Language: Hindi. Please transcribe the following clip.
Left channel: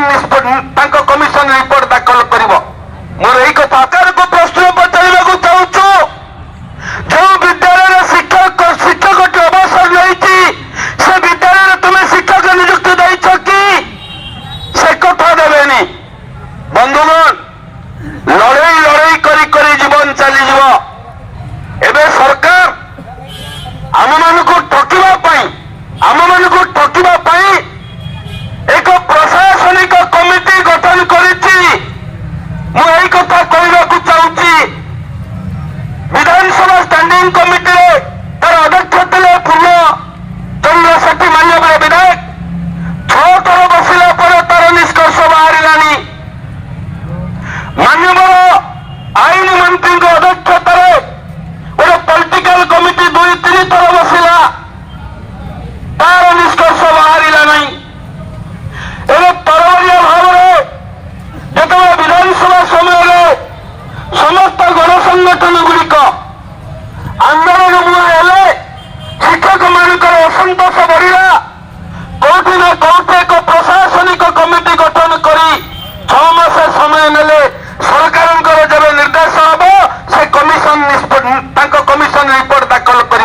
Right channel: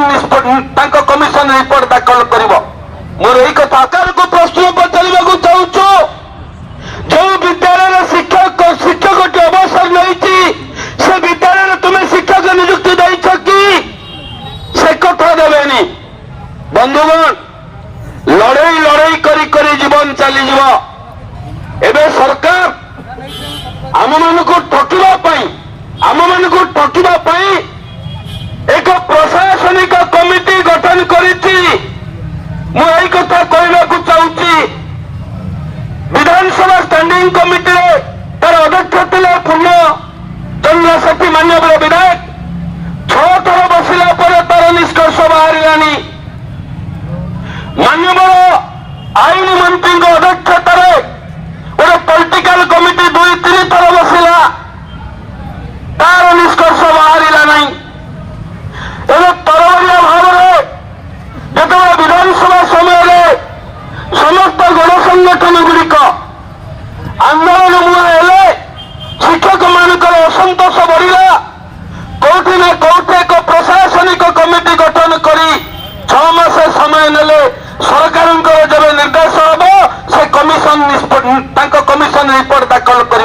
कमिशन रिपोर्ट दाखल करिवो। मोर एई कथा सरकार को प्रश्न पचारिबाकु चाहूछु, जो विद्यालय शिक्षक अवसर नहीं से विद्यालय तुम्हें शिक्षक नियुक्ति देछ कि से कथा देवेनी। बंधुगण, लड़ई लड़ई करी करी जीवन चली जीव। एबे सरकार आम मानकु ठकिबा पई एक प्रशासनिक कमिटी गठन करिछि। मु एई कथा कहबाकु चाहूछि, विधानसभा स्टैंडिंग कमिटी रे तार अध्यक्ष थे पूर्ण चंद्र सेठी मान्यवर विधायक। 6 थर बसिला पर तार निष्कर्ष बाहरिलानी। मान्यवर आईन मंत्री अध्यक्षतार गोटे पॉलिटिकल कमिटी 2-3 थर बसिला, तार निष्कर्ष बाहरिला नहीं। एवं तरबरिया भाव जो विधानसभा समय समस्त गणसंगठन गुड़िक आंदोलन मुहे शिक्षक मानकर असंतोष बढ़ला। कौटी ना कौटी एक प्रशासनिक कमिटी गठन कर 6 मास समय नेले सरकार जब निर्देश हम से कमिशन रिपोर्ट दाखल कर